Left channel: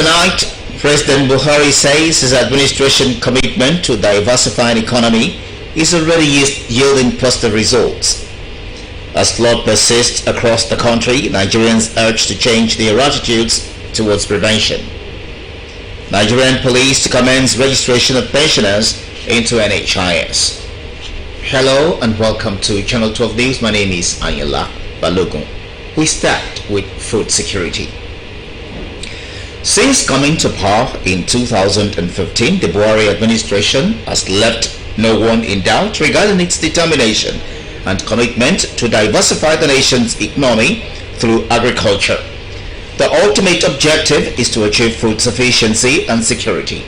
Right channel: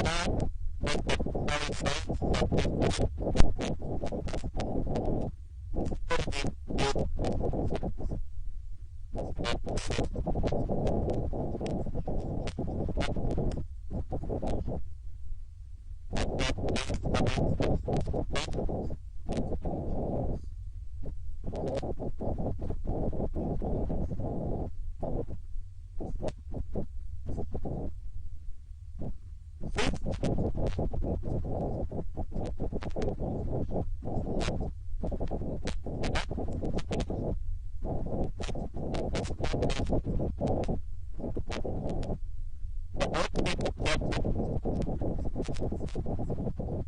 Tonight, President Buhari says his administration commitment to diversifying economy is already yielding positive results. As flood persists across the country, Nigerians urge to change their attitudes towards prevention. Nigerian police to commence registration of pensioners into NHIS. Hello and welcome to Channel 12 News. My name is Anyala Balogun. We start with food security. Since coming to power in 2015, the Buhari administration has left no one in doubt regarding its determination and commitment to diversify the nation's economy through agriculture. The ultimate objective is to achieve food sufficiency and security.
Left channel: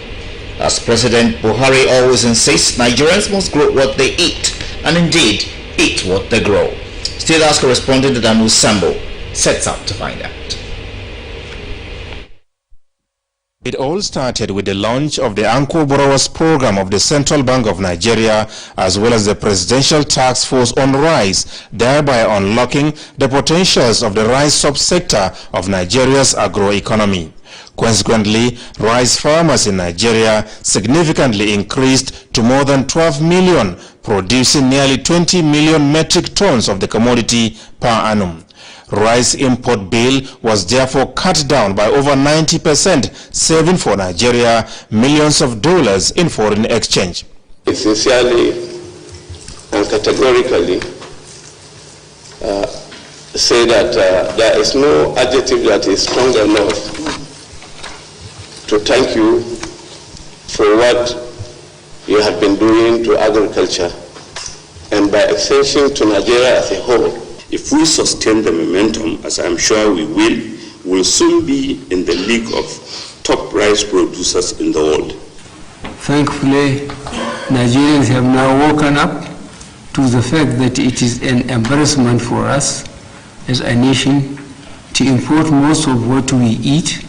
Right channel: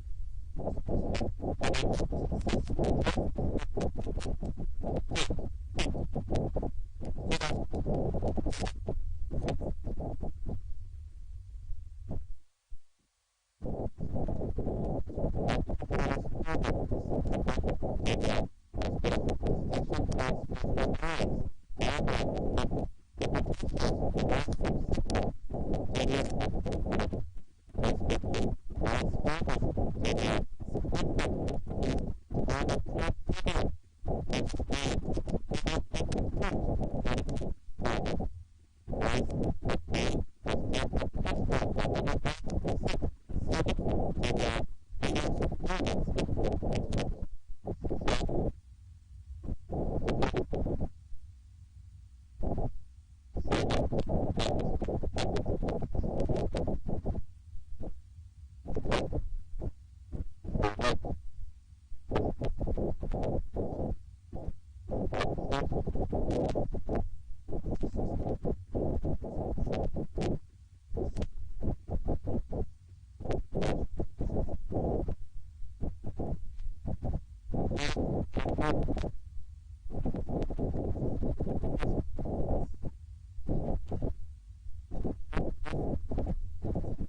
As President Buhari always insists, Nigerians must grow what they eat, and indeed, eat what they grow. State House correspondent Adamu Sambo sets out to find out. It all started with the launch of the Anko Borrowers program of the Central Bank of Nigeria, as well as the Presidential Task Force on Rice, thereby unlocking the potentials of the rice subsector of Nigeria's agroeconomy. Consequently, rice farmers in Nigeria significantly increased to more than 12 million, producing nearly 20 million metric tons of the commodity per annum. Rice import bill was therefore cut down by over 90%, saving for Nigeria millions of dollars in foreign exchange. I sincerely and categorically say that there is no adjective that is strong enough to thank you for what you have been doing to agriculture and by extension to Nigeria as a whole. If we sustain the momentum, as I'm sure we will soon be in the league of top rice producers in the world. Thankfully, Nigerians have now woken up to the fact that it is an embarrassment for us as a nation to import most of what we eat,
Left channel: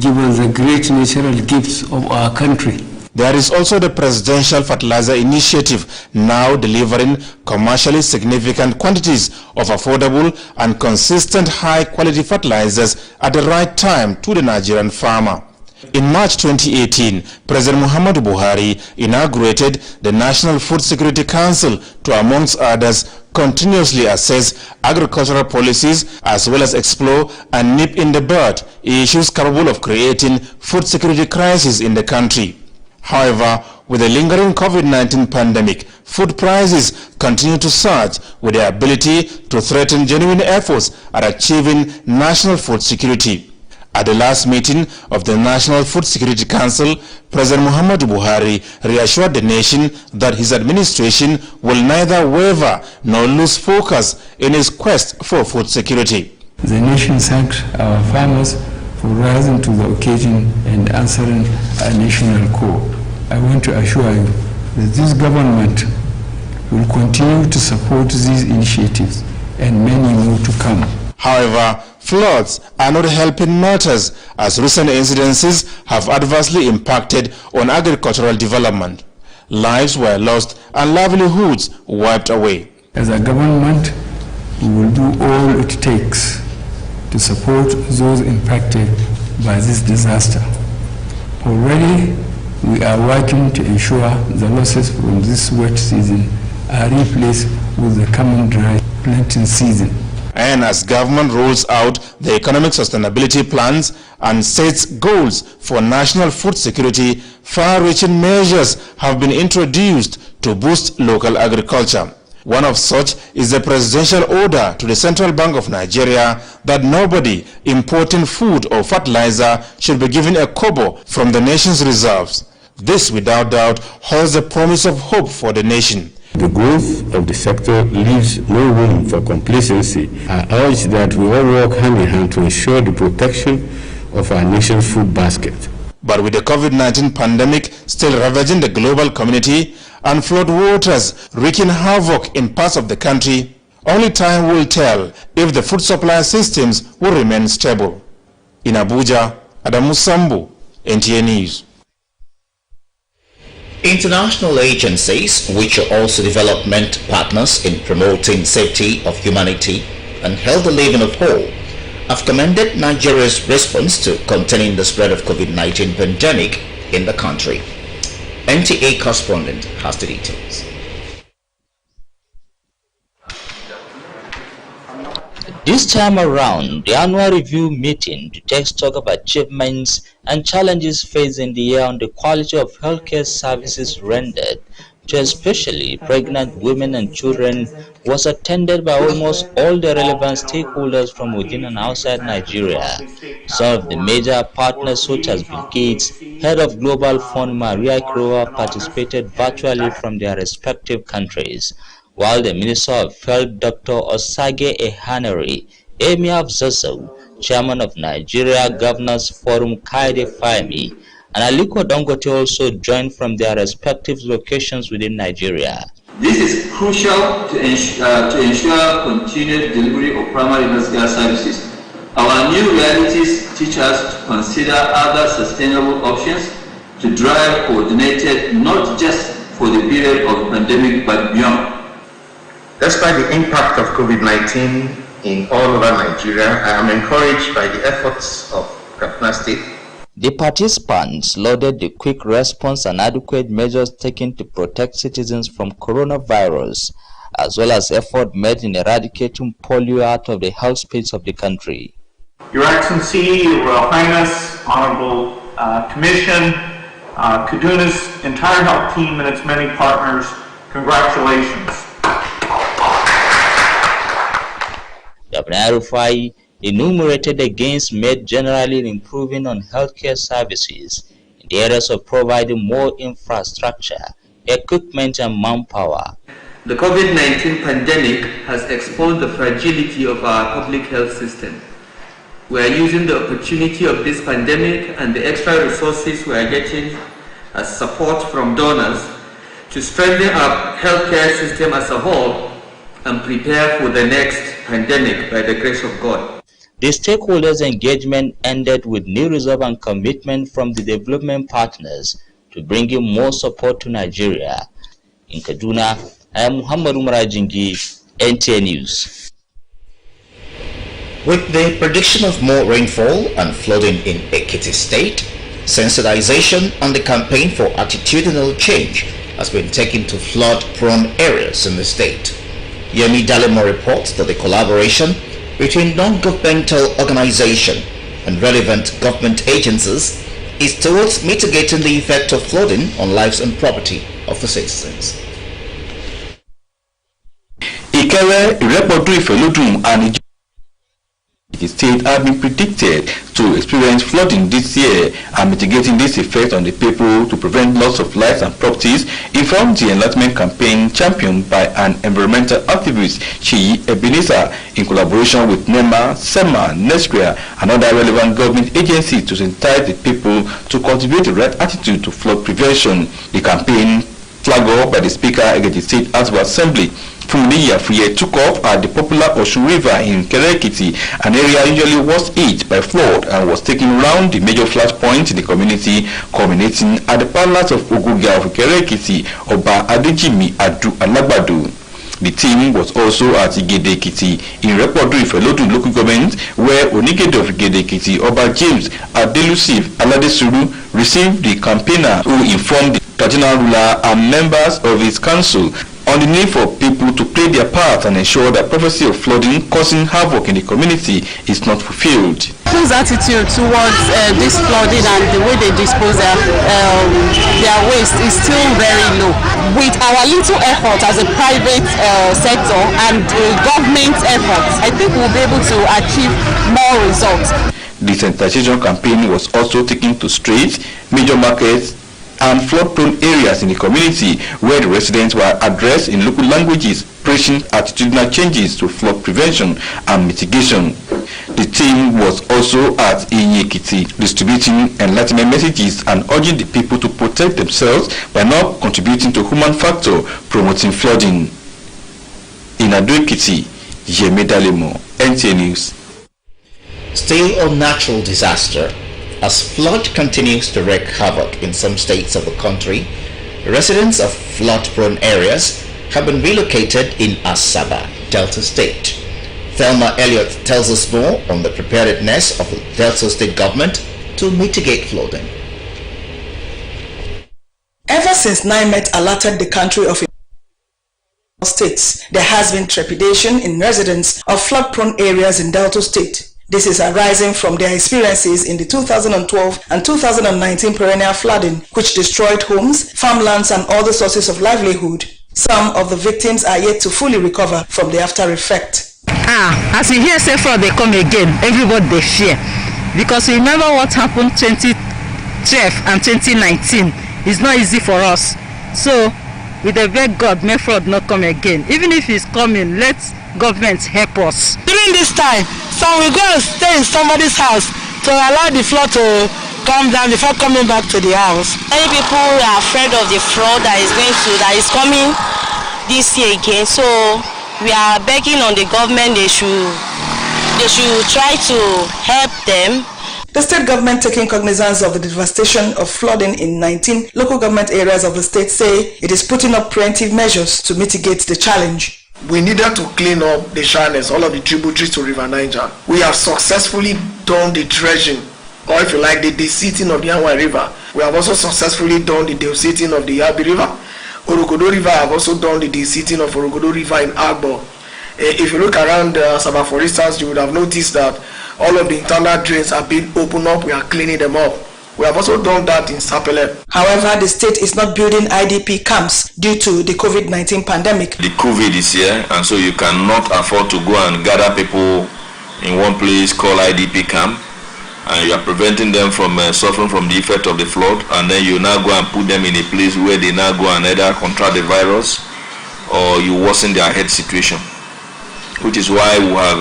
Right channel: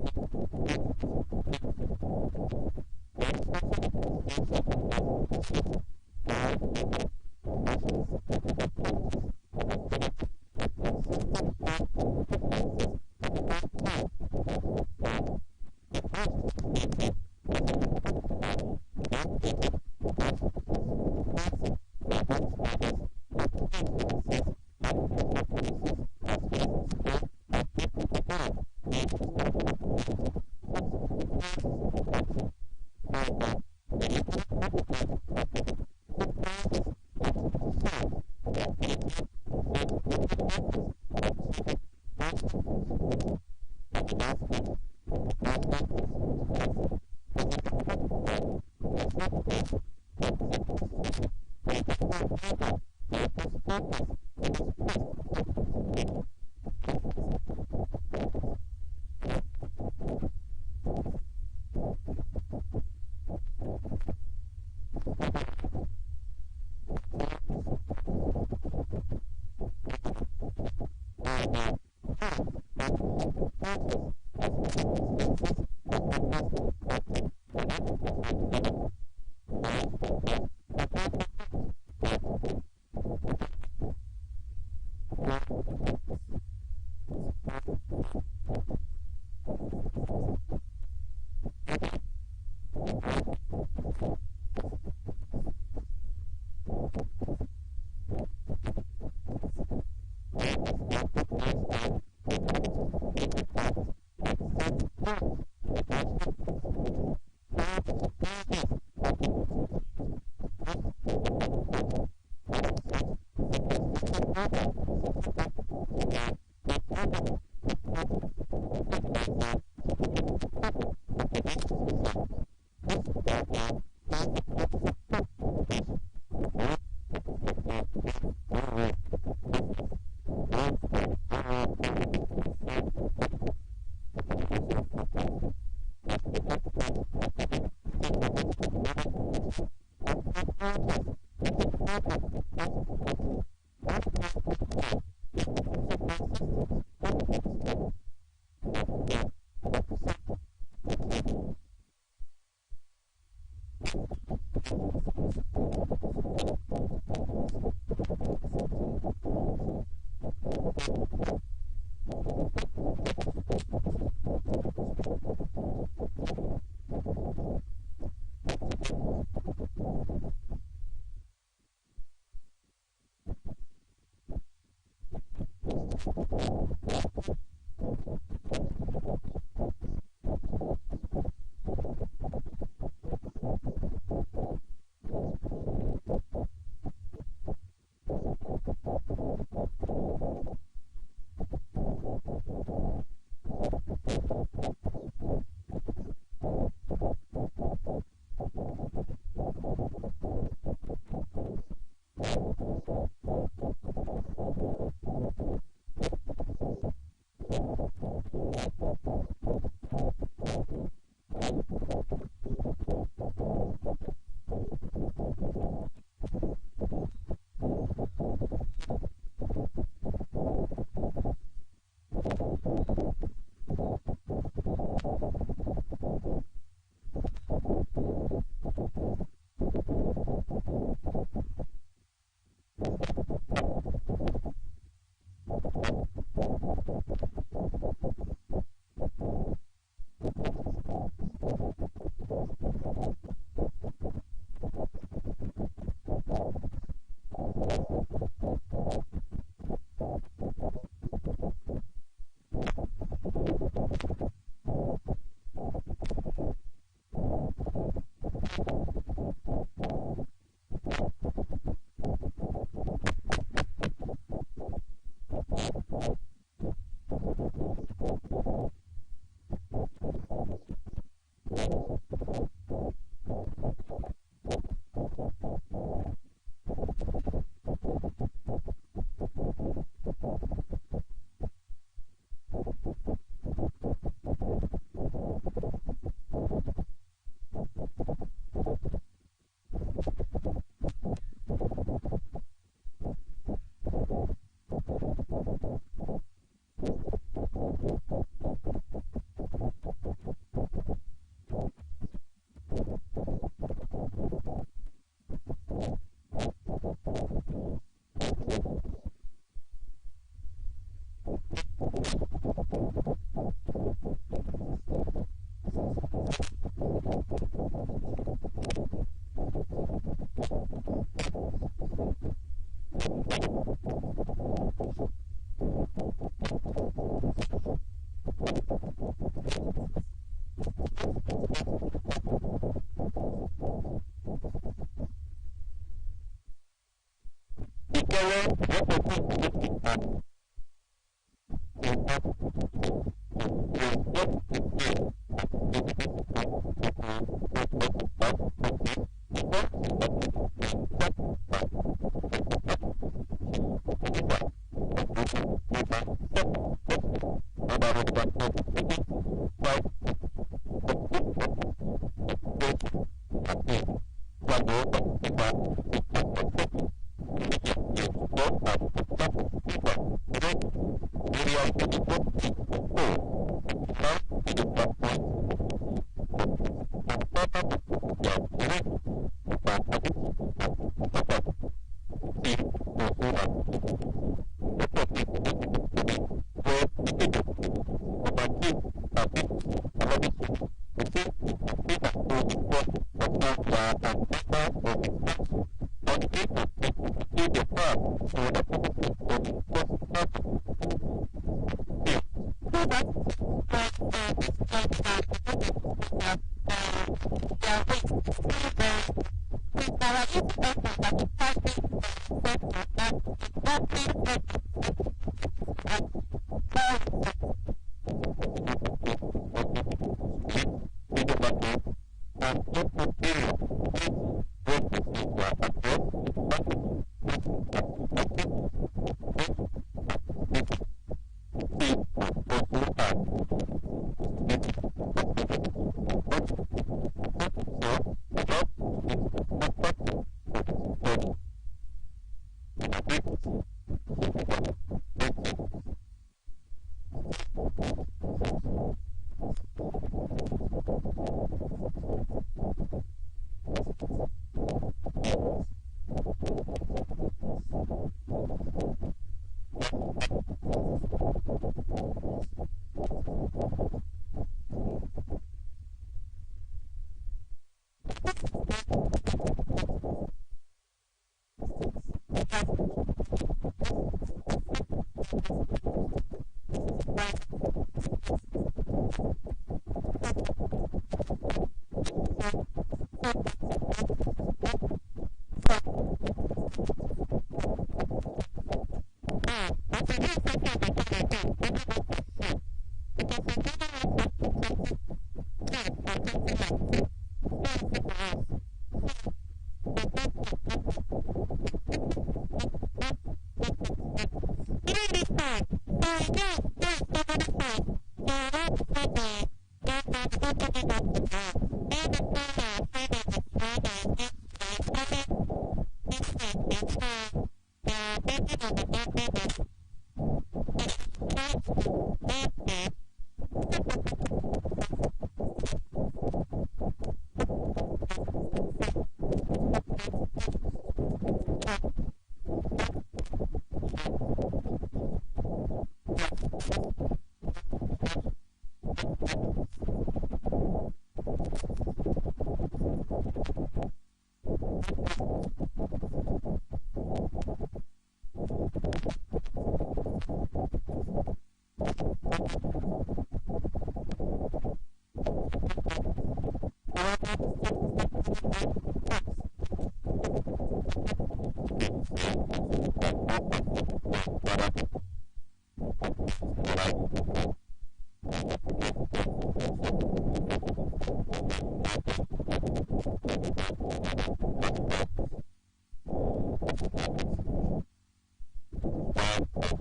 given the great natural gifts of our country. There is also the Presidential Fertilizer Initiative, now delivering commercially significant quantities of affordable and consistent high-quality fertilizers at the right time to the Nigerian farmer. In March 2018, President Muhammadu Buhari inaugurated the National Food Security Council to, amongst others, continuously assess agricultural policies as well as explore and nip in the bud issues capable of creating food security crisis in the country. However, with the lingering COVID-19 pandemic, food prices continue to surge with the ability to threaten genuine efforts at achieving national food security. At the last meeting of the National Food Security Council, President Muhammadu Buhari reassured the nation that his administration will neither waver nor lose focus in its quest for food security. The nation thanked our farmers for rising to the occasion and answering a national call. I want to assure you that this government will continue to support these initiatives and many more to come. However, floods are not helping matters, as recent incidences have adversely impacted on agricultural development. Lives were lost and livelihoods wiped away. As a government, we will do all it takes to support those impacted by this disaster. Already, we are working to ensure the losses from this wet season are replaced with the coming dry planting season. And as government rolls out the economic sustainability plans and sets goals for national food security, far-reaching measures have been introduced to boost local agriculture. One of such is the presidential order to the Central Bank of Nigeria that nobody importing food or fertilizer should be given a kobo from the nation's reserves. This, without doubt, holds the promise of hope for the nation. The growth of the sector leaves no room for complacency. I urge that we all work hand in hand to ensure the protection of our nation's food basket. But with the COVID-19 pandemic still ravaging the global community and flood waters wreaking havoc in parts of the country, only time will tell if the food supply systems will remain stable. In Abuja, Adamu Sambo, NTA News. International agencies, which are also development partners in promoting safety of humanity and healthy living of all, have commended Nigeria's response to containing the spread of COVID-19 pandemic in the country. NTA correspondent has the details. This time around, the annual review meeting to take stock of achievements and challenges faced in the year on the quality of healthcare services rendered to especially pregnant women and children was attended by almost all the relevant stakeholders from within and outside Nigeria. Some of the major partners such as Bill Gates, head of Global Fund Maria Kirowa, participated virtually from their respective countries, while the Minister of Health Dr. Osage Ehaneri, Emir of Zazzau, Chairman of Nigeria Governors Forum Kaide Fahimi, and Aliko Dangote also joined from their respective locations within Nigeria. This is crucial to ensure continued delivery of primary healthcare services. Our new realities teach us to consider other sustainable options to drive coordinated, not just for the period of the pandemic, but beyond. Despite the impact of COVID-19 in all over Nigeria, I am encouraged by the efforts of Kaduna State. The participants lauded the quick response and adequate measures taken to protect citizens from coronavirus, as well as effort made in eradicating polio out of the health space of the country. Your Excellency, Your Royal Highness, Honorable Commission, Kaduna's entire health team and its many partners, congratulations. Governor Rufai enumerated the gains made generally in improving on healthcare services in the areas of providing more infrastructure, equipment, and manpower. The COVID-19 pandemic has exposed the fragility of our public health system. We are using the opportunity of this pandemic and the extra resources we are getting as support from donors to strengthen our healthcare system as a whole and prepare for the next pandemic by the grace of God. The stakeholders' engagement ended with new resolve and commitment from the development partners to bring in more support to Nigeria. In Kaduna, I am Muhammad Umar Ajingi, NTA News. With the prediction of more rainfall and flooding in Ekiti State, sensitization on the campaign for attitudinal change has been taken to flood-prone areas in the state. Yemi Dalemo reports that the collaboration between non-governmental organizations and relevant government agencies is towards mitigating the effect of flooding on lives and property of the citizens. Ikere, Irepodu, Ifelodun, and the state have been predicted to experience flooding this year, and mitigating this effect on the people to prevent loss of lives and properties informed the enlightenment campaign championed by an environmental activist, Chiyi Ebenezer, in collaboration with NEMA, SEMA, NESCRIA, and other relevant government agencies to sensitize the people to cultivate the right attitude to flood prevention. The campaign, flagged off by the Speaker of the State House of Assembly, Funmi Yafuye, took off at the popular Osun River in Ekiti, an area usually worst hit by flood, and was taken round the major flash points in the community, culminating at the palace of Oguga of Ekiti, Oba Adejimi Adu Alagbadu. The team was also at Igede Ekiti in Irepodu Ifelodun local government, where Onigede of Igede Ekiti, Oba James Adelusif Aladesuru, received the campaigner who informed the traditional ruler and members of his council on the need for people to play their part and ensure that prophecy of flooding causing havoc in the community is not fulfilled. People's attitude towards this flooding and the way they dispose their waste is still very low. With our little effort as a private sector and government efforts, I think we'll be able to achieve more results. The sensitization campaign was also taken to streets, major markets, and flood-prone areas in the community, where the residents were addressed in local languages, preaching attitudinal changes to flood prevention and mitigation. The team was also at Ekiti, distributing enlightenment messages and urging the people to protect themselves by not contributing to human factor promoting flooding. In Ado-Ekiti, Yemi Dalemo, NTA News. Still on natural disaster, as flood continues to wreak havoc in some states of the country, residents of flood-prone areas have been relocated in Asaba, Delta State. Thelma Elliott tells us more on the preparedness of the Delta State government to mitigate flooding. Ever since NIMET alerted the country of states, there has been trepidation in residents of flood-prone areas in Delta State. This is arising from their experiences in the 2012 and 2019 perennial flooding, which destroyed homes, farmlands, and other sources of livelihood. Some of the victims are yet to fully recover from the after effect. As you hear say flood, they come again, everybody they fear. Because remember what happened 2012 and 2019. It's not easy for us. So, with the beg God, may flood not come again. Even if it's coming, let government help us. During this time, some will go and stay in somebody's house to allow the flood to come down before coming back to the house. Many people are afraid of the flood that is coming this year again. So we are begging on the government they should try to help them. The state government, taking cognizance of the devastation of flooding in 19 local government areas of the state, say it is putting up preventive measures to mitigate the challenge. We needed to clean up the channels, all of the tributaries to River Niger. We have successfully done the dredging, or if you like, the deseating of the Anwa River. We have also successfully done the deseating of the Yabi River. Orogodo River have also done the deseating of Orogodo River in Agbo. If you look around Sabah, for instance, you would have noticed that all of the internal drains are being opened up. We are cleaning them up. We have also done that in Sapele. However, the state is not building IDP camps due to the COVID-19 pandemic. The COVID is here, and so you cannot afford to go and gather people in one place called IDP camp, and you are preventing them from suffering from the effect of the flood, and then you now go and put them in a place where they now go and either contract the virus or you worsen their health situation, which is why we have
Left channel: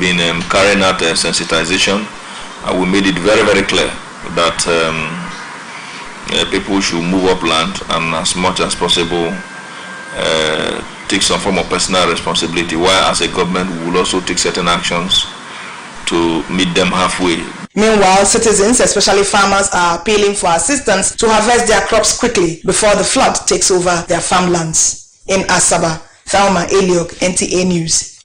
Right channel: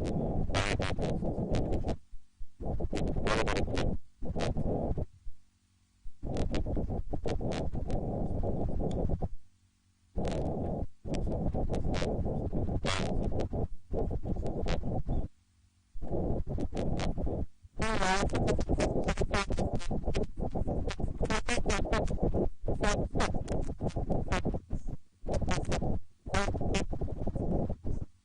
been carrying out sensitization, and we made it very, very clear that people should move upland and as much as possible take some form of personal responsibility, while as a government we will also take certain actions to meet them halfway. Meanwhile, citizens, especially farmers, are appealing for assistance to harvest their crops quickly before the flood takes over their farmlands. In Asaba, Thelma Elliott, NTA News.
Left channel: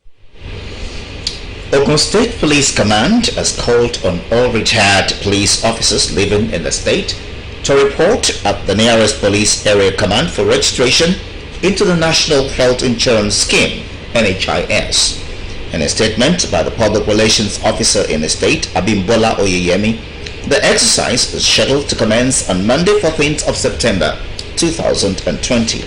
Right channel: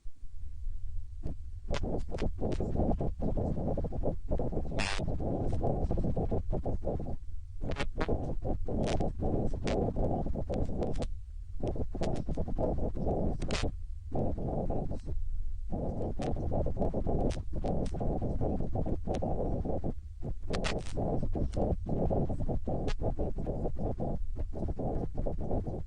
Ogun State Police Command has called on all retired police officers living in the state to report at the nearest police area command for registration into the National Health Insurance Scheme, NHIS. In a statement by the Public Relations Officer in the state, Abimbola Oyeyemi, the exercise is scheduled to commence on Monday, 14th of September 2020.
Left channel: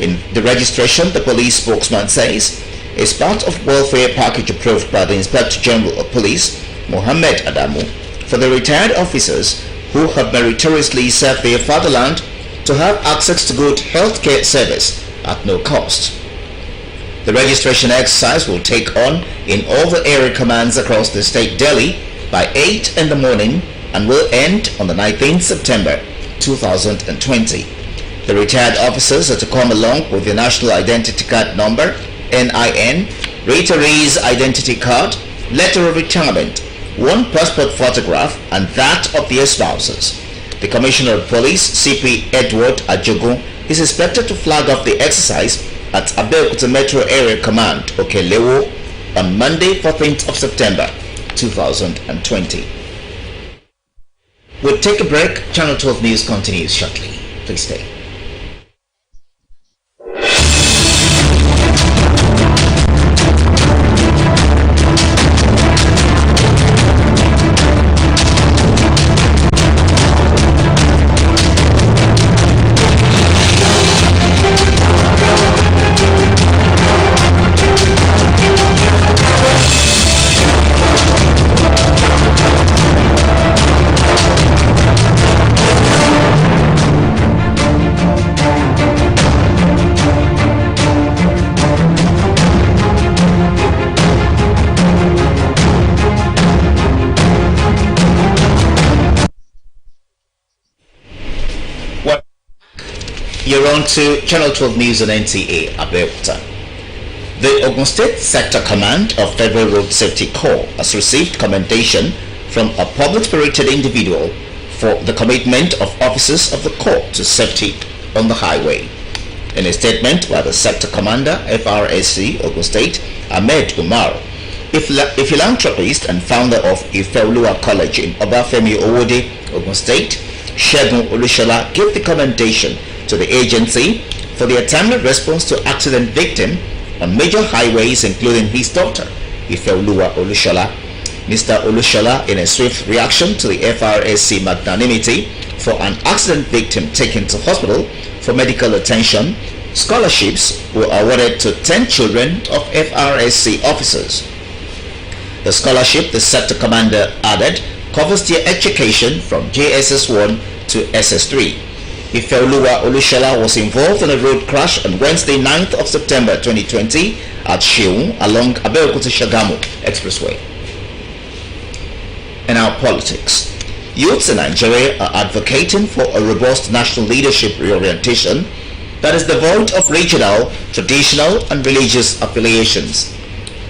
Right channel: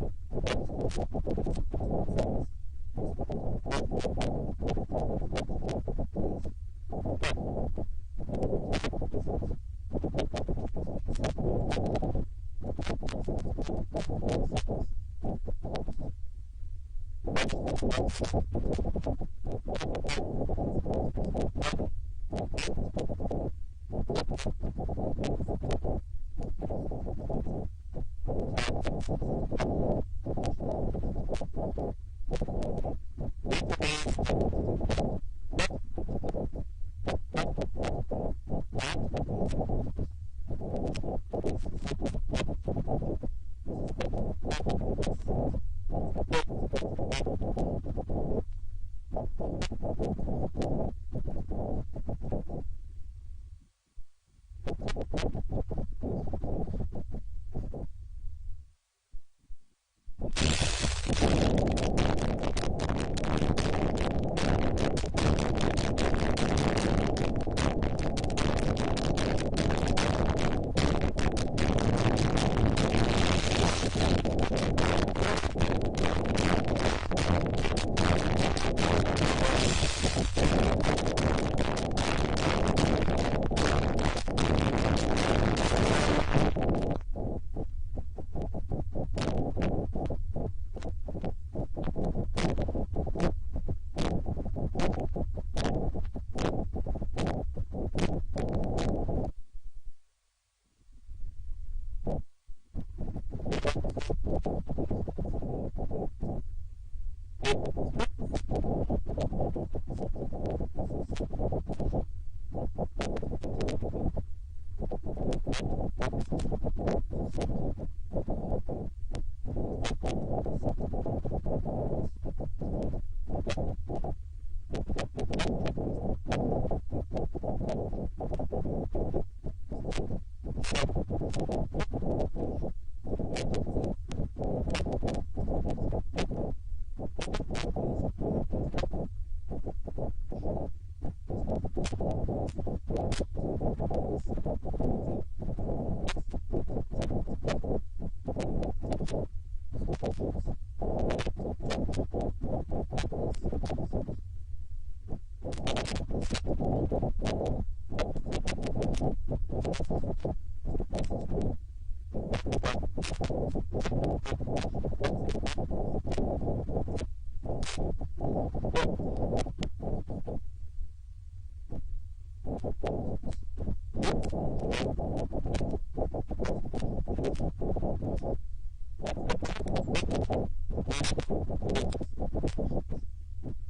In the registration, the police spokesman says, is part of welfare package approved by the Inspector General of Police, Mohammed Adamu, for the retired officers who have meritoriously served their fatherland to have access to good healthcare service at no cost. The registration exercise will take on in all the area commands across the state daily by 8 in the morning and will end on the 19th September 2020. The retired officers are to come along with their National Identity Card number, NIN, retiree's identity card, letter of retirement, one passport photograph, and that of their spouses. The Commissioner of Police, CP Edward Ajogun, is expected to flag off the exercise at Abeokuta Metro Area Command, Okelewo, on Monday, 14th of September 2020. We'll take a break. Channel 12 News continues shortly. Please stay. You're on to Channel 12 News on Nta Abeokuta. The Ogun State Sector Command of Federal Road Safety Corps has received commendation from a public-spirited individual for the commitment of officers of the Corps to safety on the highway. In a statement by the Sector Commander, FRSC Ogun State, Ahmed Umar, A philanthropist and founder of Ifeoluwa College in Obafemi Owode, Ogun State, Segun Olushola, gave the commendation to the agency for their timely response to accident victims on major highways, including his daughter, Ifeoluwa Olushola. Mr. Olushola, in a swift reaction to the FRSC magnanimity for an accident victim taken to hospital for medical attention, scholarships were awarded to 10 children of FRSC officers. The scholarship, the sector commander added, covers their education from JSS1 to SS3. Ifeoluwa Olushola was involved in a road crash on Wednesday, 9th of September 2020 at Sheung along Abeokuta Shagamu Expressway. And now politics. Youths in Nigeria are advocating for a robust national leadership reorientation that is devoid of regional, traditional and religious affiliations.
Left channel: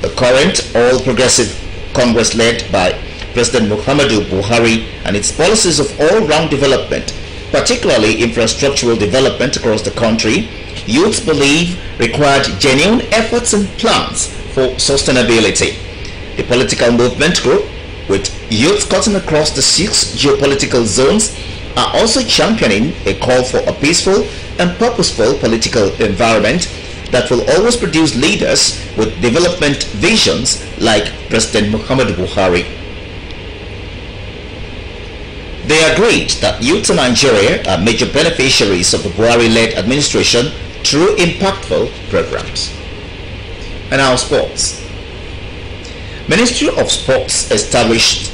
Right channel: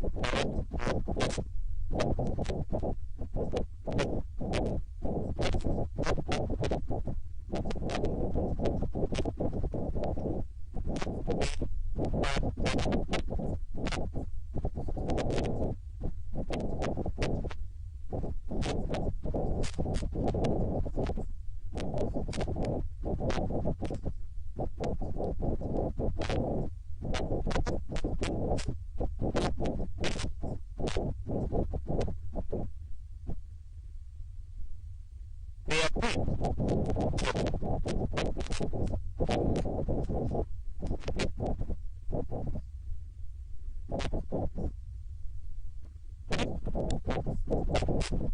The current All Progressive Congress led by President Muhammadu Buhari and its policies of all-round development, particularly infrastructural development across the country, youths believe required genuine efforts and plans for sustainability. The political movement group, with youths cutting across the 6 geopolitical zones, are also championing a call for a peaceful and purposeful political environment that will always produce leaders with development visions like President Muhammadu Buhari. They agreed that youth in Nigeria are major beneficiaries of the Buhari-led administration through impactful programs. And now sports. Ministry of Sports established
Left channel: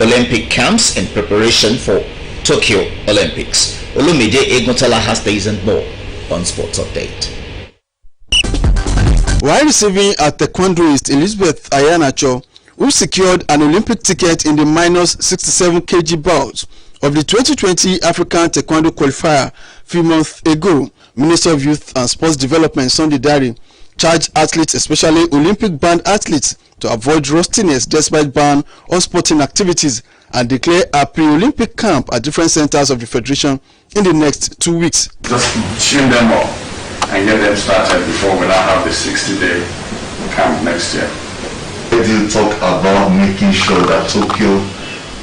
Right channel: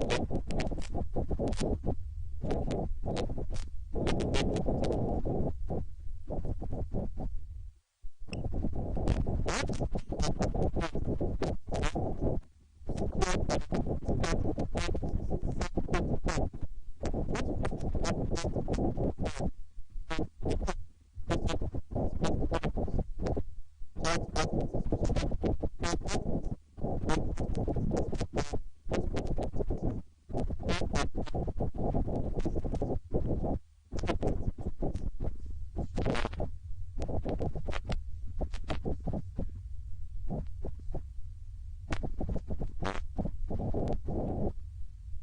Olympic camps in preparation for Tokyo Olympics. Olumide Eguntala has these and more on Sports Update. While receiving a taekwondoist Elizabeth Ayanacho, who secured an Olympic ticket in the minus 67 kg bout of the 2020 African Taekwondo qualifier a few months ago, Minister of Youth and Sports Development Sunday Dari charged athletes, especially Olympic-bound athletes, to avoid rustiness despite ban on sporting activities and declare a pre-Olympic camp at different centers of the Federation in the next 2 weeks. Just tune them up and get them started before we now have the 60-day camp next year. We did talk about making sure that Tokyo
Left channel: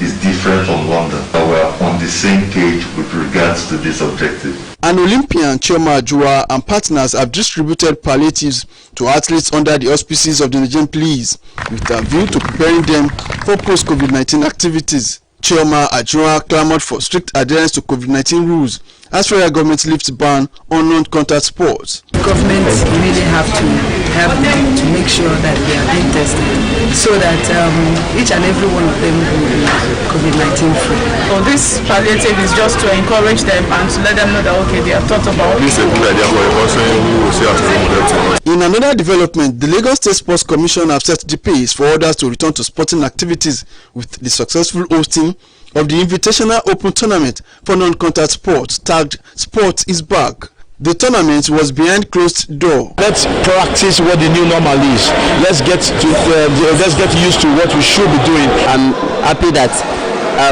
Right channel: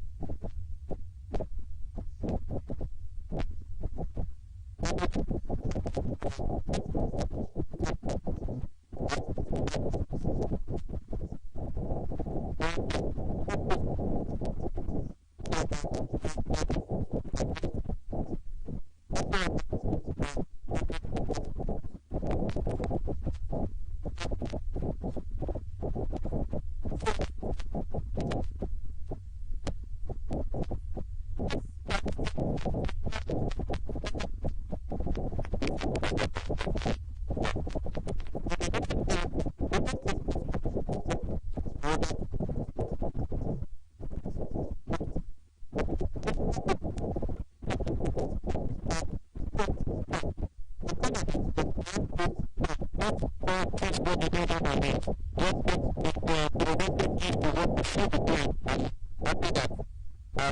is different from London, that we are on the same page with regards to this objective. An Olympian, Chioma Ajua, and partners have distributed palliatives to athletes under the auspices of the Nigerian Police with a view to preparing them for post-COVID-19 activities. Chioma Ajua clamored for strict adherence to COVID-19 rules as federal government lifts ban on non-contact sports. Governments really have to help them to make sure that they are being tested so that each and every one of them will be COVID-19 free. So this palliative is just to encourage them and to let them know that okay, they have thought about this. Is a good idea for us, we will see how to. In another development, the Lagos State Sports Commission have set the pace for others to return to sporting activities with the successful hosting of the Invitational Open Tournament for non-contact sports tagged Sport is Back. The tournament was behind closed door. Let's practice what the new normal is. Let's get used to what we should be doing. I'm happy that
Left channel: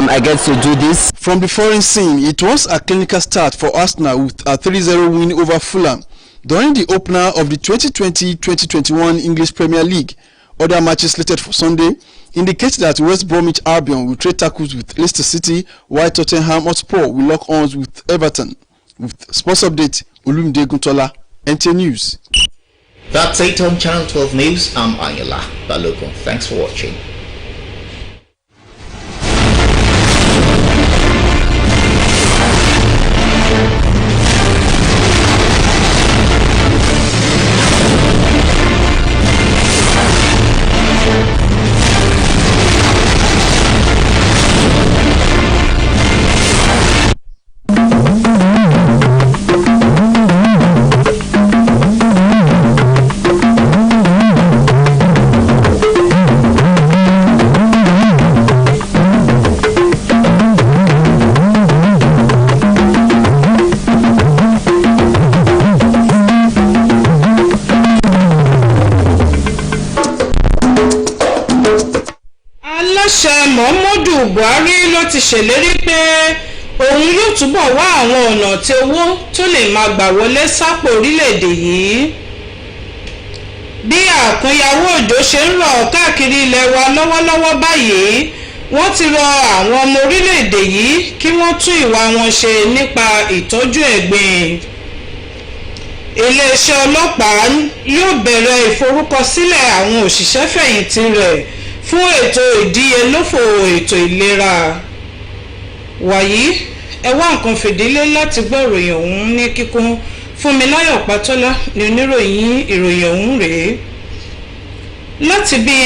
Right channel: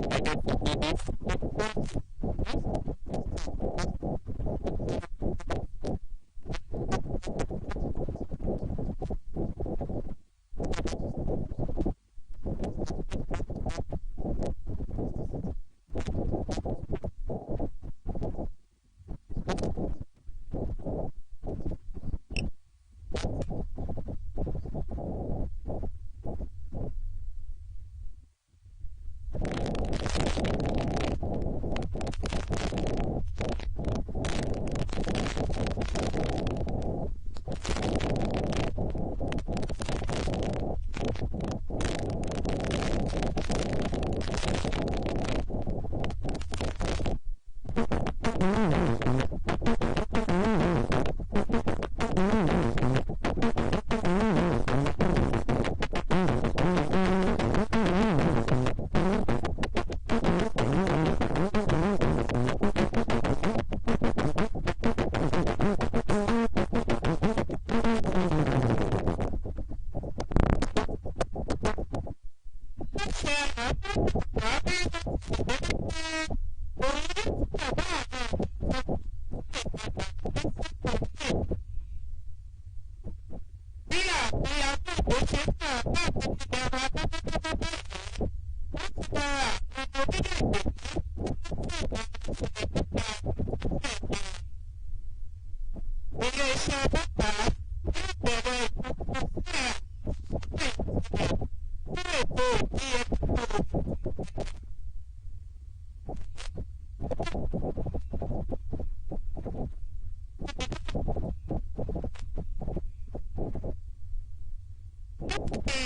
I get to do this. From the foreign scene, it was a clinical start for Arsenal with a 3-0 win over Fulham during the opener of the 2020-2021 English Premier League. Other matches slated for Sunday indicate that West Bromwich Albion will trade tackles with Leicester City, while Tottenham Hotspur will lock arms with Everton. With Sports Update, Olumide Eguntala, NTA News. That's it on Channel 12 News. I'm Ayala Balogun. Thanks for watching. Buhari ló ti ṣèlérí pé òun yóò túbọ̀ wá àwọn ọ̀nà tí owó tó lè máa gbà wọlé sápò orílẹ̀-èdè yìí. bí àkúnyàwó òjò ṣe ń rọ̀ káàkiri ilẹ̀ wa lọ́wọ́lọ́wọ́ báyìí wọ́n ti rọ àwọn ọmọ orílẹ̀-èdè yìí kí wọ́n tún ìwà wọn ṣe nípa ìtọ́jú ẹ̀gbin. iléeṣẹ́ ọlọ́pàá yóò bẹ̀rẹ̀ ìforúkọsílẹ̀ àwọn òṣìṣẹ́ fẹ̀yìntì rẹ̀ fún ètò ìdíyelófò ètò ìlera. wàyí ẹ wá nǹkan fìdílé láti gbọ́ ìròyìn ọ̀hún ní kíkún. Fúnmiláyọ̀ Pátọ́lá ni oníròyìn ìròyìn ọ̀hún rèé. láti bí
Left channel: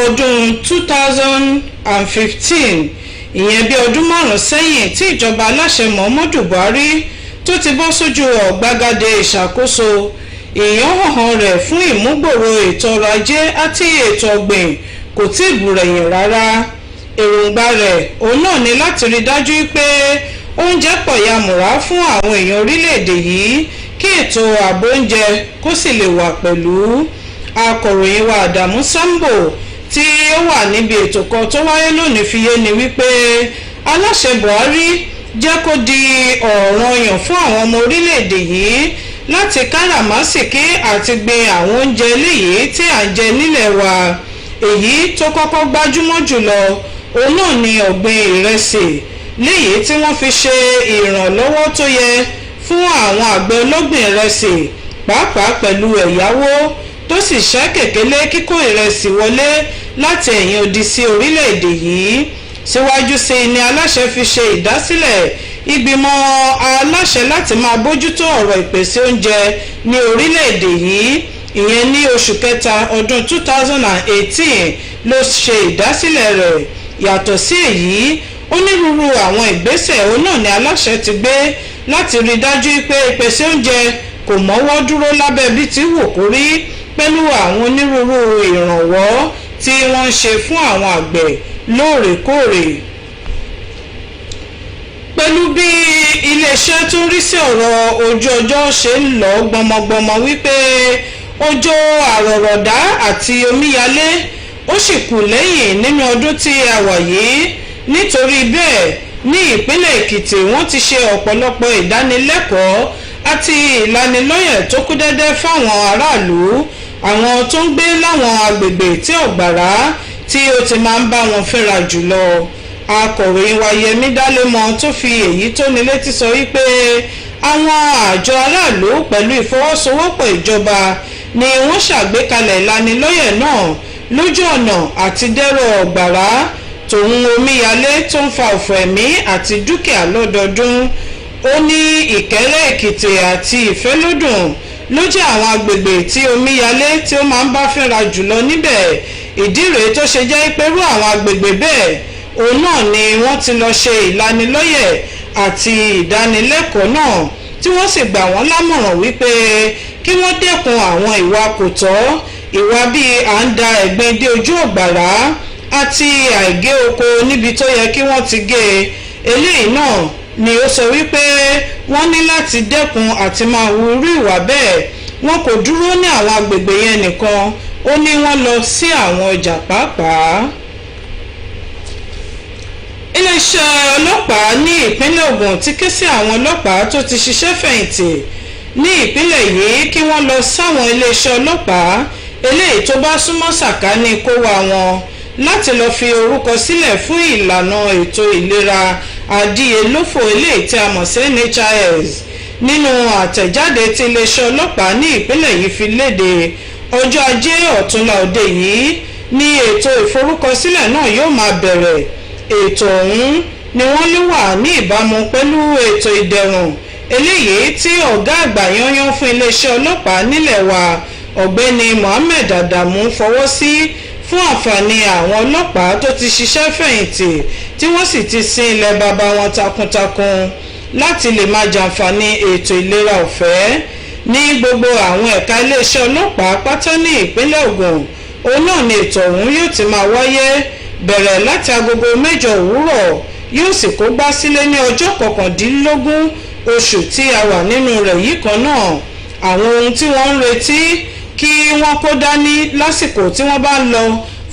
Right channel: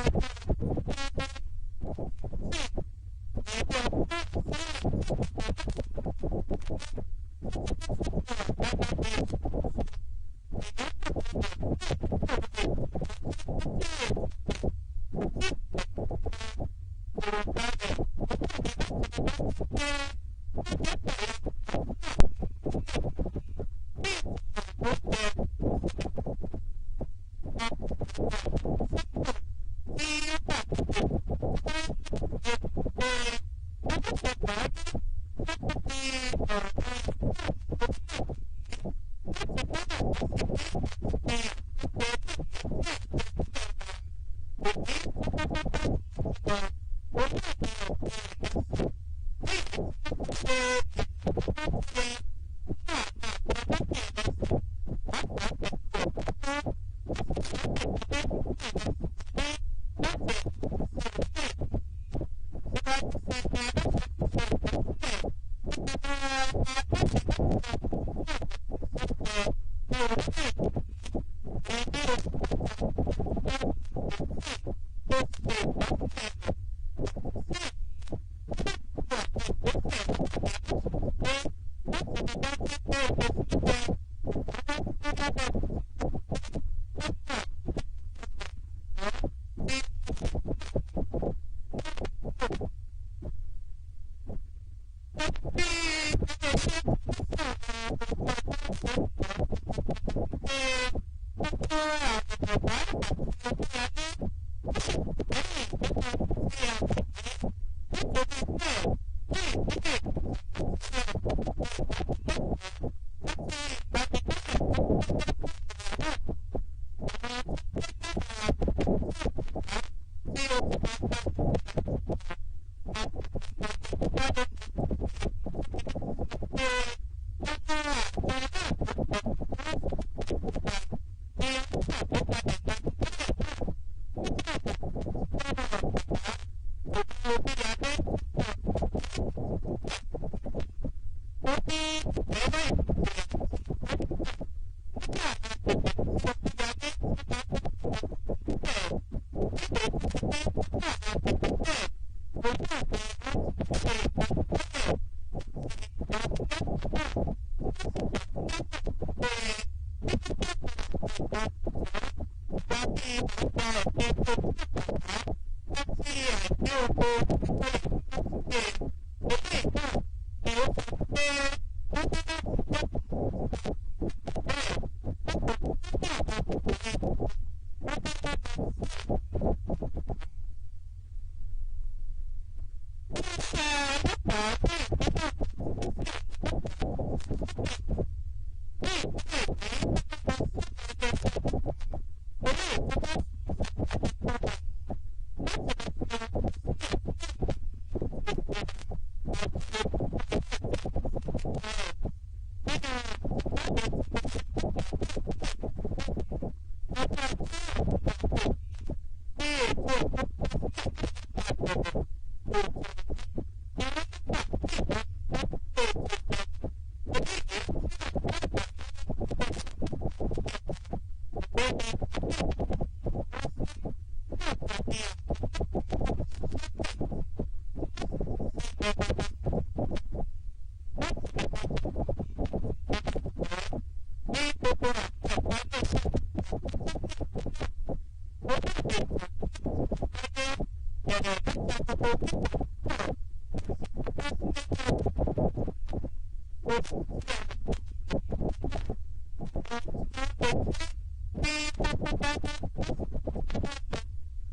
ọdún 2015 ìyẹn bí ọdún márùn-ún sẹ́yìn tí ìjọba aláṣẹ Muhammadu Buhari tó ti bọ́ sójú ọ̀gbagadè ìṣàkóso ìyànhàn rẹ̀ fún ìmúgbòòrò ètò ọrọ̀ ajé àti ètò ọ̀gbìn kò tí ì bùrẹ̀yìn rárá. èròǹgbà rẹ̀ òun náà ni láti rí dájú pé oúnjẹ pọ̀ yamùrá fún àwọn èèyàn orílẹ̀-èdè yìí kí ètò ààbò oúnjẹ kó sì lè wà pẹ̀lú. akọ̀ròyìn wa Àdàmú Sambo tí ó wà níbi ètò kan tó wáyé lónìí fi yé ni wípé aláṣẹ Buhari jẹ́ kó di ọ̀ranyàn fún àwọn ọmọ orílẹ̀-èdè yìí láti káràmásìkí àti gbin àwọn oúnjẹ eléyìí tí à ń jẹ nílẹ̀ wa. èyí tó kọ́kọ́ gbajúmọ̀ jùlọ òun náà ni ọ̀gbìn ìrẹsì léyìí tí wọ́n fi ṣe ìrànlọ́wọ́ tó yẹ fún àwọn àgbẹ̀ ọlọ́gbìn ìrẹsì pàápàá pẹ̀lú ẹ̀yáwó tó sì ṣẹ́ kèkélé kíkó ìrẹsì wọlé láti ẹ̀yìn odi sí orílẹ̀-èdè yìí. síwájú sí ni aláṣẹ fi ṣe ìdásílẹ̀ ìgbìmọ̀ aláṣẹ láti máa bójútó ọ̀rọ̀ ìpèsè oúnjẹ ní orílẹ̀-èdè yìí. ìyẹn ní oṣù kẹta ọdún 2018 ló ṣe ìdásílẹ̀ rẹ̀. yàtọ̀ sí èyí onírúurú àwọn ìgbésẹ̀ òun náà ni aláṣẹ ti gbé láti rí dájú pé ìpèsè oúnjẹ kò mọ́wọ́ dúró lábẹ́ bí ti wù kó rí pẹ̀lú àwọn onírúurú ìrànwọ́ tí wọ́n ń ṣe fún àwọn àgbẹ̀ lóòrèkóòrè. pẹ̀lú bí iléeṣẹ́ tó ń rí sí ọ̀rọ̀ ojú ọjọ́ ṣe ń lọ gbọmọgbọmọ wípé òjò àrọ̀rọ̀dá àti omíyalé ó sì kù lẹ́yìn nínú ọdún tí a wà yìí. nítorí bẹ́ẹ̀ ní ìpínlẹ̀ Èkìtì wọ́n ti ṣe ọ̀pọ̀lọpọ̀ ìdánilẹ́kọ̀ọ́ àti ìlanilọ́yẹ̀ tó kú dẹ́dẹ́ fáwọn aráàlú àwọn tó ń gbé láwọn agbègbè tí ọ̀gbàrá tí ó ti máa ń bá wọn fínra jùlọ. akọ̀ròyìn wa Yẹmí Dálémọ tó fi èyí tó ní létí sọ wípé àwọn àjọ aráàlú pẹ̀lú ìfọwọ́sowọ́pọ̀ ìjọba ni wọ́n ṣàgbékalẹ̀ ìlanilọ́yẹ̀ náà lójú ọ̀nà àti dẹ́rọ̀ ọ̀gbàrá tòun omíyalé tó ń fa ọ̀fọ̀ ẹ̀mí àti dúkìá lọ́dọọdún. ó ní Ìkẹ́rẹ́ Èkìtì àti Ìfẹ́lódùn ló jẹ́ àwọn agbègbè tí omíyalé tí ó máa ń bá fínra jùlọ níbẹ̀. ìdí rèé tó ṣe jẹ́ pẹ̀lú àwọn agbègbè bẹ́ẹ̀ òun náà ni wọ́n ti lọ ṣe ìlanilọ́yẹ̀ àti ìdánilẹ́kọ̀ọ́ náà tí wọ́n sì gbà wọ́n lámọ̀ràn wípé kí wọ́n dẹ́kun àwọn ìwà kò tọ́ ìwà bíi à ń da ẹ̀gbin dé ojú ọ̀gbàrá àti àìgé oko níbi tó yẹ kí wọ́n ti gé e. eléyìí náà ni ó sọ wípé wọ́n ní láti dẹ́kun àti máa hu irú ìwà bẹ́ẹ̀. wọn kò dúró ní àwọn agbègbè yẹn nìkan ó ní wọ́n lọ sí àwọn ọjà pàápàá. iléeṣẹ́ ọlọ́pàá ní ìpínlẹ̀ Ògùn ti ké sí àwọn ọlọ́pàá tó ti ṣiṣẹ́ fẹ̀yìntì ní ìpínlẹ̀ yìí kí wọ́n lọ sáwọn iléeṣẹ́ ọlọ́pàá eléyìí tó bá súnmọ́ sàkání kó wa wọn láti lọ fi orúkọ sílẹ̀ fún ìlànà ètò ìlera àdíyelófò eléyìí tí a mọ̀ sí NHIS. nínú àtẹ̀jáde tí iléeṣẹ́ ọlọ́pàá ní ìpínlẹ̀ yìí fi léde ọjọ́ ajé ọ̀túnla òde yìí ní ètò ìforúkọsílẹ̀ náà yóò máa bẹ̀rẹ̀. ètò ọ̀hún ni wọ́n ló wà ní ìbámu pẹ̀lú ètò ìdẹ̀rùn eléyìí tí ọ̀gá àgbà yanyan fún iléeṣẹ́ ọlọ́pàá nílẹ̀ wa ọ̀gbẹ́ni Mohammed Adamu fọwọ́ sí fún àǹfààní àwọn ọlọ́pàá tó ti ṣiṣẹ́ fẹ̀yìntì tí wọ́n sì ti sin ilẹ̀ baba wọn takuntakun láti lè máa jàǹfààní ètò ìlera ọ̀fẹ́ ní gbogbo àwọn ẹ̀ka iléeṣẹ́ ọlọ́pàá pátá ní ìpínlẹ̀ Ògùn. òun náà ni ètò ọ̀hún yóò ti máa wáyé bẹ̀rẹ̀ láti agogo 8 òwúrọ̀ yóò sì kó gbá sílé ní ọjọ́ 19 oṣù tí a wà nínú rẹ̀ yìí kan náà. àwọn ohun tí wọ́n ń retí kí wọ́n kó dání lásìkò tí wọ́n bá ń lọ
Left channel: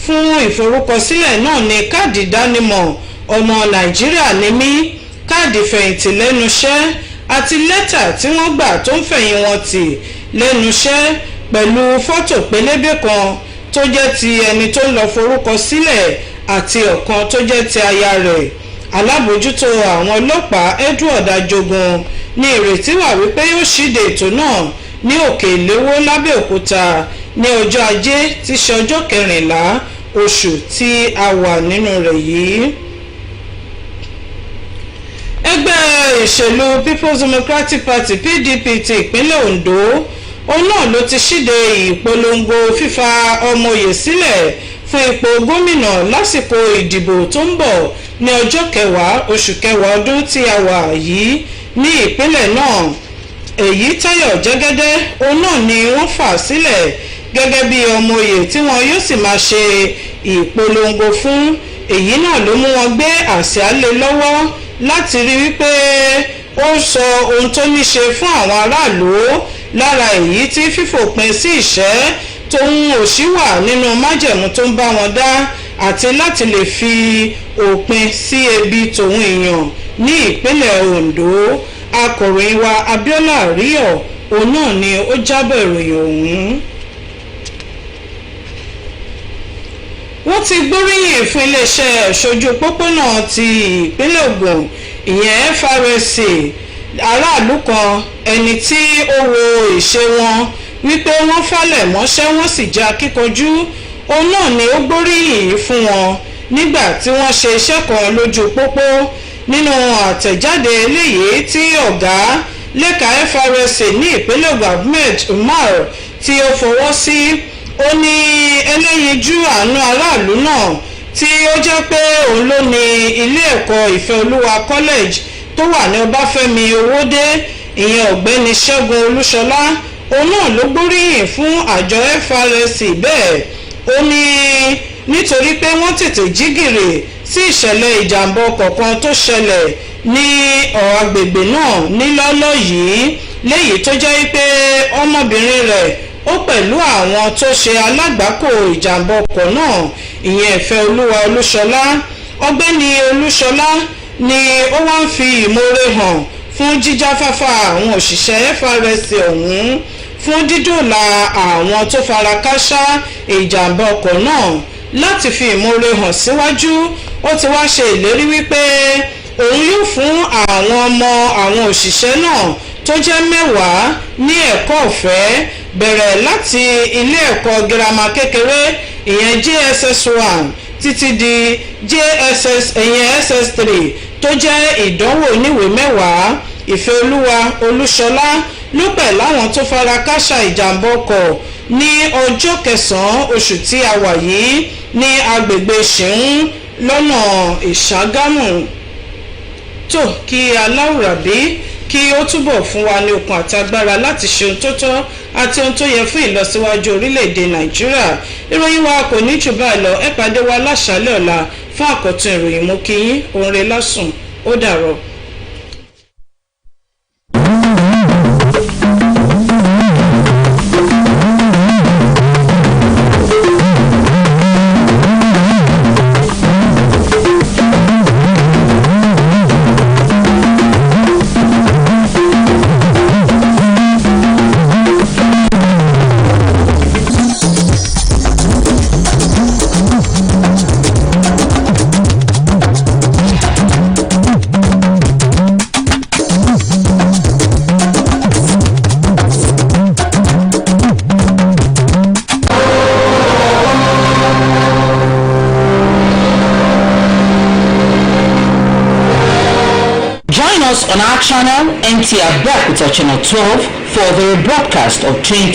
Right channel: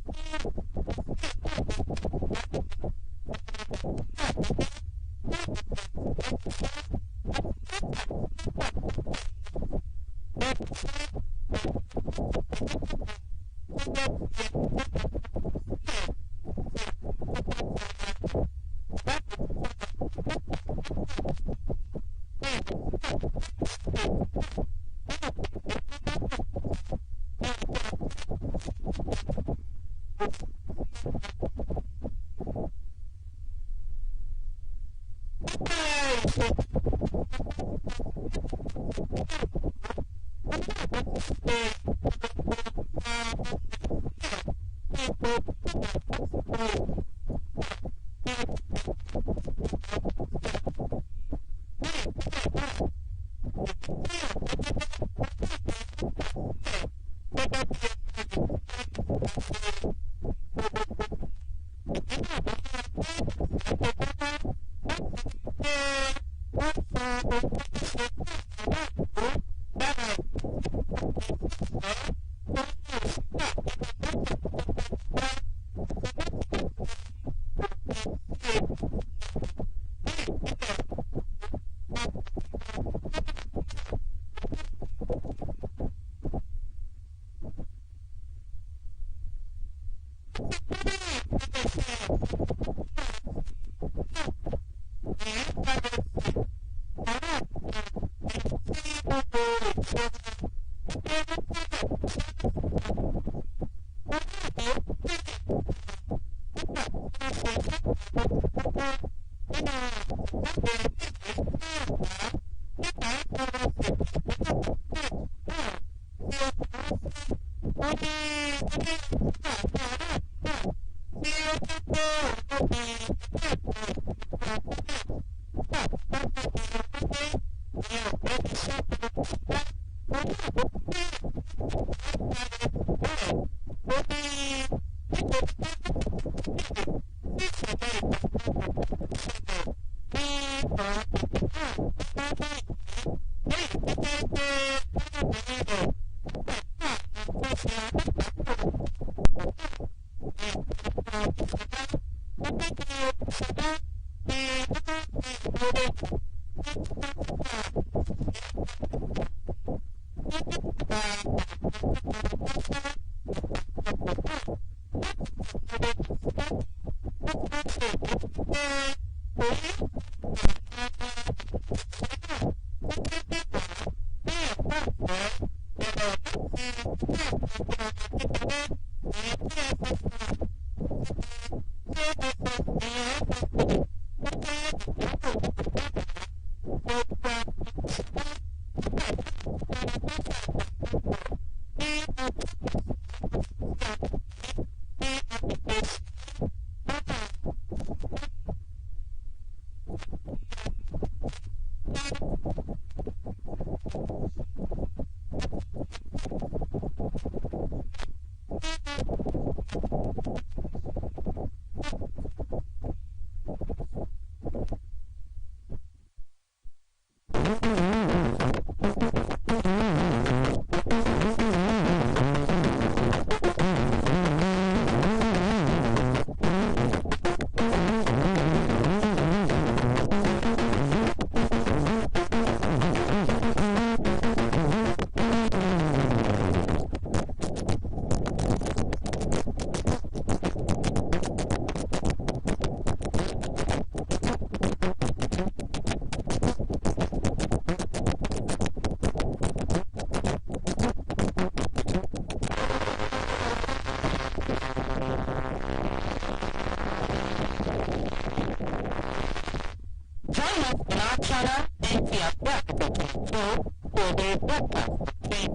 fún ìforúkọsílẹ̀ náà ní káàdì ìdánimọ̀ ọmọ Nàìjíríà ní mí, káàdì fẹ̀yìntì lẹ́nu iṣẹ́ àti lẹ́tà tí wọ́n gbà tó ń fẹ̀yìn wọn tì lẹ́nu iṣẹ́ pẹ̀lú fọ́tò pélébé kan tó jẹ́ ti ẹni tó ń lọ forúkọ sílẹ̀ àti ọ̀kan tó jẹ́ ti aya rẹ̀. Alábòójútó àwọn ọlọ́pàá Edward Ajogun ní ìrètí wà wípé yóò ṣíde ètò náà ní Òkè Ìléwó l'Ábẹ́òkúta ní ọjọ́ Ajé tí ṣe ọjọ́ 14 oṣù tí a wà nínú rẹ̀ yìí. Ẹgbẹ́ ìṣèlú People's Democratic Party PDP ti ìpínlẹ̀ Ondo òun náà ló ti ṣíde ìpolongo fífa ọmọoyè sílẹ̀ fún ipò gómìnà lásìkò ìdìbò tó ń bọ̀ ní ọjọ́ 10 oṣù kẹwàá ọdún tí a wà yìí ní ìpínlẹ̀ náà. Èyí Táyọ̀ Jẹ́gẹ́dẹ́ òun náà ni wọ́n fà sílẹ̀ gẹ́gẹ́ bí ọmọoyè tí wọn yóò sì máa ṣe ìpolongo fún. Èyí náà ló mú wọn gbé àsíá lé lọ́wọ́ láti rí wípé ó sọ ohun tó ní ṣe fún àwọn aráàlú, lára èyí tí fífòpin sí ìṣẹ́ tóun òṣì wà nínú májẹ̀mú tó ń bá wọn dá àti láti lè fi òpin sí ebi tòun èèyàn ní ìpínlẹ̀ Ondo. Akọ̀ròyìn wa Abiola Ríọ̀ òun náà ni ó jábọ̀ ìròyìn ọ̀hún. Wọ́n ti gbóríyìn fún iléeṣẹ́ ìṣojú pópónà ti ìpínlẹ̀ Ògùn ìyẹn FRSC aráàlú kan ẹni tí ó wo ìṣe wọn wípé wọ́n falẹ̀ mọ́ṣẹ́ wọ́n sì jẹ́ akíkanjú. Òun náà ni ó gbóríyìn fún wọn nígbà tí wọ́n ṣe iṣẹ́ kan lójú pópó. Nínú àtẹ̀jáde eléyìí tí ọ̀gá lẹ́ka FRSC ní ìpínlẹ̀ Ògùn Ahmed Umar tí ó fọwọ́ sí, ó ní ẹlẹ́yinjú àánú aráàlú náà tí ó jẹ́ pé òun ló ní ilé ẹ̀kọ́ Ìfẹ́olúwa College tó wà ní Ọbáfẹ́mi Owódé ìyẹn ọ̀gbẹ́ni Ṣẹ́gun Olúṣọlá. Òun náà ló gbóríyìn fún àjọ FRSC bẹ́ẹ̀. Ó ní nítorí pé wọ́n tètè jí gìrì sí ìṣẹ̀lẹ̀ ìjàmbá ọkọ̀ kan tó ṣẹlẹ̀ ní agbègbè náà nílọ́lọ́ yìí, léyìí tó jẹ́ pé ọmọbìnrin rẹ̀ ó pẹ̀lú àwọn tó ṣe alágbàkò ìjàmbá ọkọ̀ náà ìyẹn Ìfẹ́olúwa Olúṣọlá. Ọ̀gbẹ́ni Olúṣọlá ni ó wá ń fi ìmoore hàn fún jíjáfáfá àwọn òṣìṣẹ́ FRSC ọ̀hún fún dídòòlà àwọn tó fara kááṣá ìjàmbá ọkọ̀ náà. Láti fi ìmoore hàn síwájú, ó ti wá ṣe ìlérí wípé òun yóò fún àwọn ọmọ àwọn òṣìṣẹ́ náà tó jẹ́ 10 ní ẹ̀kọ́ ọ̀fẹ́ bẹ̀rẹ̀ láti ilé ẹ̀kọ́ girama kékeré ìyẹn JSS1 títí di SS3 tó jẹ́ ìdánwò oníwèé 10. Ìfẹ́olúwa Olúṣọlá ló pẹ̀ láwọn tó fara kááṣá ìjàmbá ọkọ̀ ní ọjọ́ 9 oṣù tí a wà yìí ní agbègbè Ṣìún lọ́nà Ìṣàgámù. Tó kí aláwùrábí kí ó túbọ̀ fún wa ní okun àti agbára láti ṣe ohun tó tọ́ àti ohun tó yẹ fún ìlọsíwájú orílẹ̀-èdè Nàìjíríà. Ìròyìn wa kò ní jù báyìí lọ. Ẹ pàdé wa láṣálẹ́ ọ̀la fún àkọ́tún ìròyìn. Mo kí yín, oore lásùn, ó dàárọ̀. On our channel, Nta Abeokuta channel 12 for the broadcast of 20